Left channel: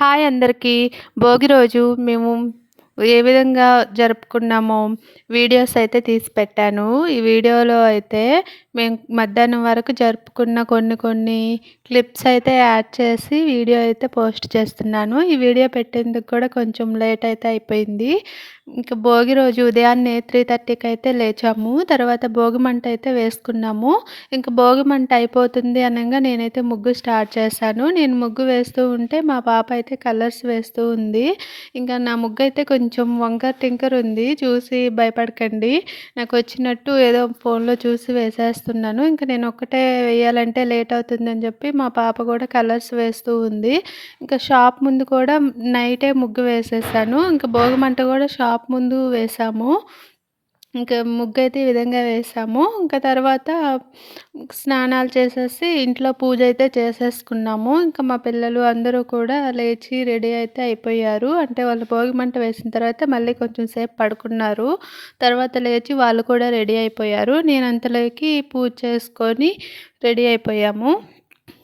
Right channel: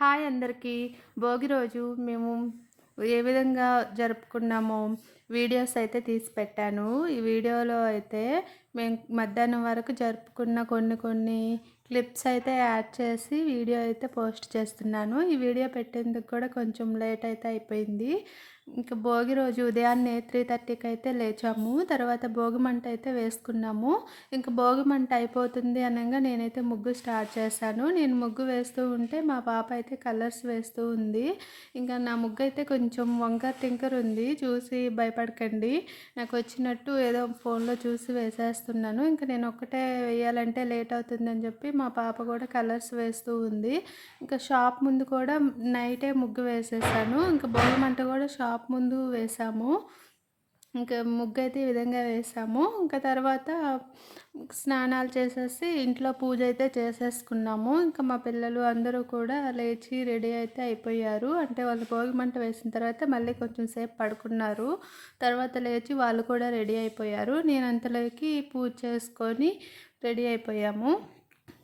Hi అందరికీ. భోగి రోజు మేము ఏ విధంగా జరుపుకున్నామో వీడియోస్ అయితే తీసి పెట్టాను. ఈ వీడియోలో అయితే మేము మధ్యాహ్నం వరకు జరుపుకున్న కొన్ని క్లిప్స్ అయితే యాడ్ చేసి వీడియో అయితే పోస్ట్ చేస్తున్నాను. ఈ వీడియో పెట్టేందుకు కూడా కొంచెం లేట్ అయితే అయిపోయింది. ఇంక భోగి రోజు ఉదయాన్నే 3:30కి అయితే లేచాము. తర్వాత భోగి మంట అయితే వేసుకున్నాము. ఇంక భోగి మంట అయిపోతుంది అనంగా నేనైతే ముగ్గు స్టార్ట్ చేశాను. నేను ముగ్గు వేస్తూ ఉంటే మా పాప అయితే కలర్స్ వేస్తూ ఉంది. ఇంకా నా ముగ్గు అయితే కొంచెం వంకర టింకర్ ఉంది. చూసి భయపడకండి. నాకు వచ్చినట్టు ఏదో ఫోన్లో చూసి వేసేస్తున్నాను. ఇంక నేను ఒక్కటే వేయాలంటే లేట్ అవుతుందని చెప్పి మా పాప కూడా కలర్స్ వేస్తూ ఉంది. ఇంకా షాప్ ముందు కూడా నైటే ముగ్గు వేసేసాను. ఇంకా భోగి మంట కూడా షాప్ ముందు వేసాము. ఇంకా ముగ్గైతే ఈ విధంగా వేసాము. ఇంకా తర్వాత స్నానాలు చేసేసి ఇంట్లో పూజ అయితే చేసేసుకున్నాము. ఇంకా మా పిల్లలు అందరూ కూడా లేచి రెడీ అయితే అయిపోయారు. అంటే వాళ్ళు భోగి మంట వేసిన తర్వాత మళ్ళీ కొంచెం సేపు పడుకున్నారు. తర్వాత లేచి వాళ్ళు కూడా రెడీ అయిపోయారు. నేను అంతలోకి పూజ చేసుకొని రెడీ అయిపోయాము.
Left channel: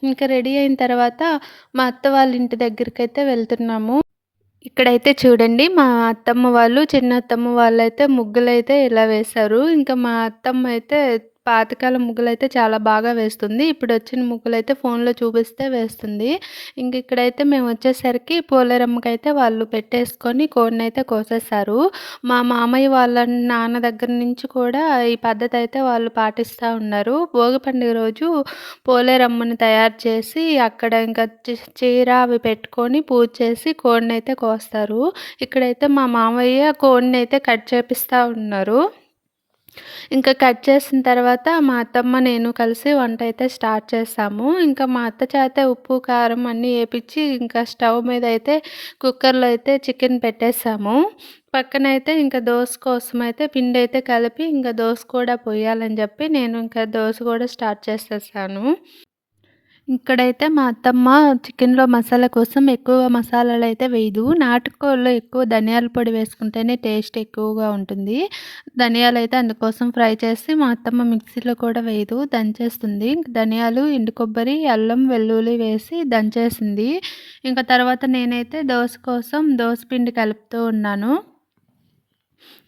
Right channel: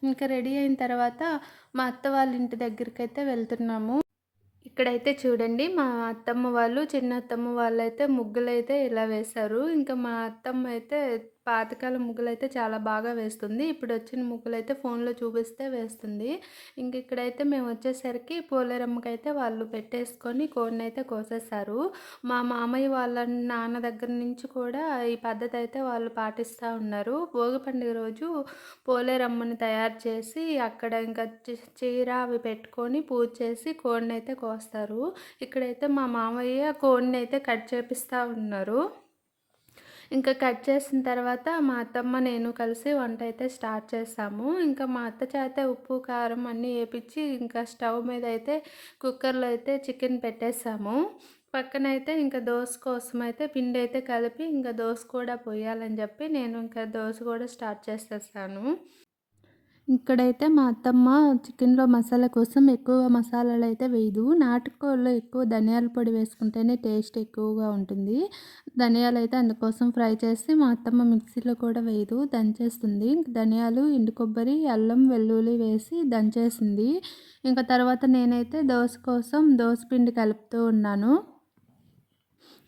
ఇంకా రెడీ అయిన తర్వాత మా అత్త వాళ్ళ ఇంటి దగ్గరికైతే వెళ్తున్నాము. ఇక్కడైతే చూడండి మా అత్తమ్మ వాళ్ళు, చిన్న అత్తమ్మ వాళ్ళైతే ముగ్గులైతే ఇలా వేశారు. ఇంకా మా అత్తమ్మ అయితే పాతకాలం ముగ్గులైతే చాలా బాగా వేస్తుంది. ఇప్పుడొచ్చిన ముగ్గులైతే ఫోన్‌లో చూపిస్తే వేస్తుంది. ఇంక ఇక్కడైతే మేము వచ్చేసరికి పోలేరమ్మకైతే వాళ్ళు పెట్టేసుకొని కోడినైతే కోసేశారు. మా మామయ్య వాళ్ళ నాన్న దగ్గర నుంచి కూడా ఈ పద్ధతి అయితే వాళ్ళు పాటిస్తూ ఉన్నారు. భోగి పండుగ రోజు పోలేరమ్మని తయారు చేసి అక్కడ ఇంకా చీర అవి పెట్టుకొని పూజ చేసి కోడినైతే కోస్తారు. ఇక్కడైతే మా మామయ్య కోడినైతే కట్ చేపిస్తా ఉన్నారు. ఇంకా కట్ చేసిన తర్వాత మా అత్తమ్మ నేను కలిసి వంట అయితే స్టార్ట్ చేసాము. ఇంకా మా అత్త చేత ఉప్పు, కారం అన్నీ ఏపిచ్చి ఇంకా స్టవ్ మీద అయితే కుక్కర్‌లో అయితే చికెన్ పెట్టేసాము. పక్కనైతే ఇంకా దోస కోసం అయితే పిండి అయితే కలిపి ఇంకా దోస కూడా పొయ్యాలని చెప్పి నేను ఇంకా దోస కూడా స్టార్ట్ చేసేసాను. ఇక్కడైతే మా అత్తమ్మ చికెన్‌లో మసాలా కోసం ఎక్కువ మసాలాలైతే వేయదు. నాటుకోడిలో ఎక్కువ ధనియాల పొడి వేసుకుంటేనే టేస్ట్ ఎక్కువగా ఉంటుంది. ధనియాలైతే అందుకోసం ఫ్రై చేసి మా అత్తమ్మ మిక్సీలో కూడా వేయదు. దంచేస్తుంది. ధనియాలు, ఎండు కొబ్బరి, అల్లం, వెల్లుల్లి వేసి దంచేసింది. ఇంకా తర్వాత నేనైతే దోస కోసం దోస పిండి కలుపుతూ ఉన్నాను.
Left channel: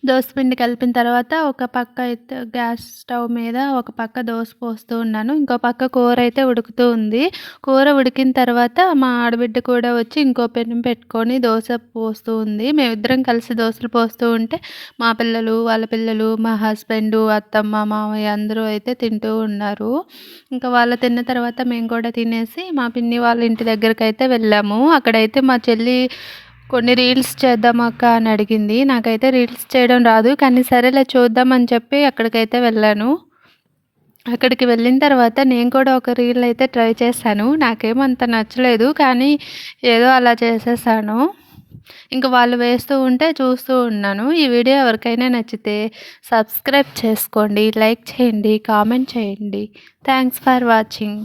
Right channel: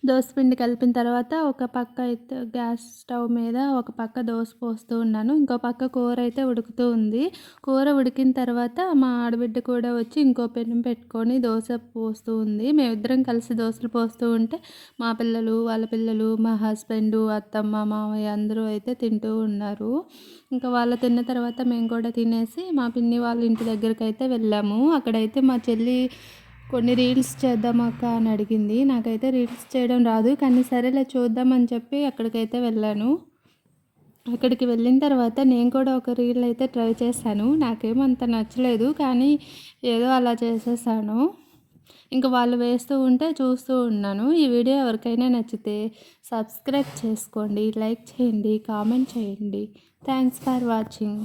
దోసపిండి కలిపిన తర్వాత ఒక పక్క అయితే గ్యాస్ స్టవ్ మీద ఒక పక్క దోస పోస్తూ ఉన్నాను. ఇంకో పక్క కూర అయితే ఉడుకుతూ ఉంది. కూర ఉడికిన తర్వాత మా ఆడబిడ్డ కూడా వచ్చి ఇంకో పెనం పెట్టుకొని దోస పోస్తూ ఉంది. మేమిద్దరం కలిసి దోసలు పోస్తూ ఉంటే మా పిల్లలు, వాళ్ళ పిల్లలు, మా హస్బెండు, అత్తమ్మ, మామయ్య అందరూ అయితే తింటూ ఉన్నారు. ఇంకా వాళ్ళు తిన్న తర్వాత మేము కూడా తినేసి మా పిన్ని వాళ్ళ ఇంటి దగ్గరకైతే వెళ్ళాము. అక్కడైతే మా చెల్లి కొన్ని రీల్స్ చేద్దాం అక్క అని అడిగింది. నాకైతే రీల్స్ చేయడం రాదు. కానీ సరేలే చూద్దామని చెప్పి అక్కడికైతే వెళ్ళాను. అక్కడికి వెళ్ళిన తర్వాత నేను కూడా ఒక రీల్ అయితే ట్రై చేశాను. నాకేమంత నచ్చలేదు. కానీ ఏదో అలా చేసేసాను. ఇంక వాళ్ళు వేస్తూ ఉంటే చూస్తూ ఉన్నాను. ఈ వీడియో ఎవరికైనా నచ్చితే సబ్స్క్రైబ్ చేసుకోండి, లైక్ చేయండి, కామెంట్ చేయండి. Thanks for watching.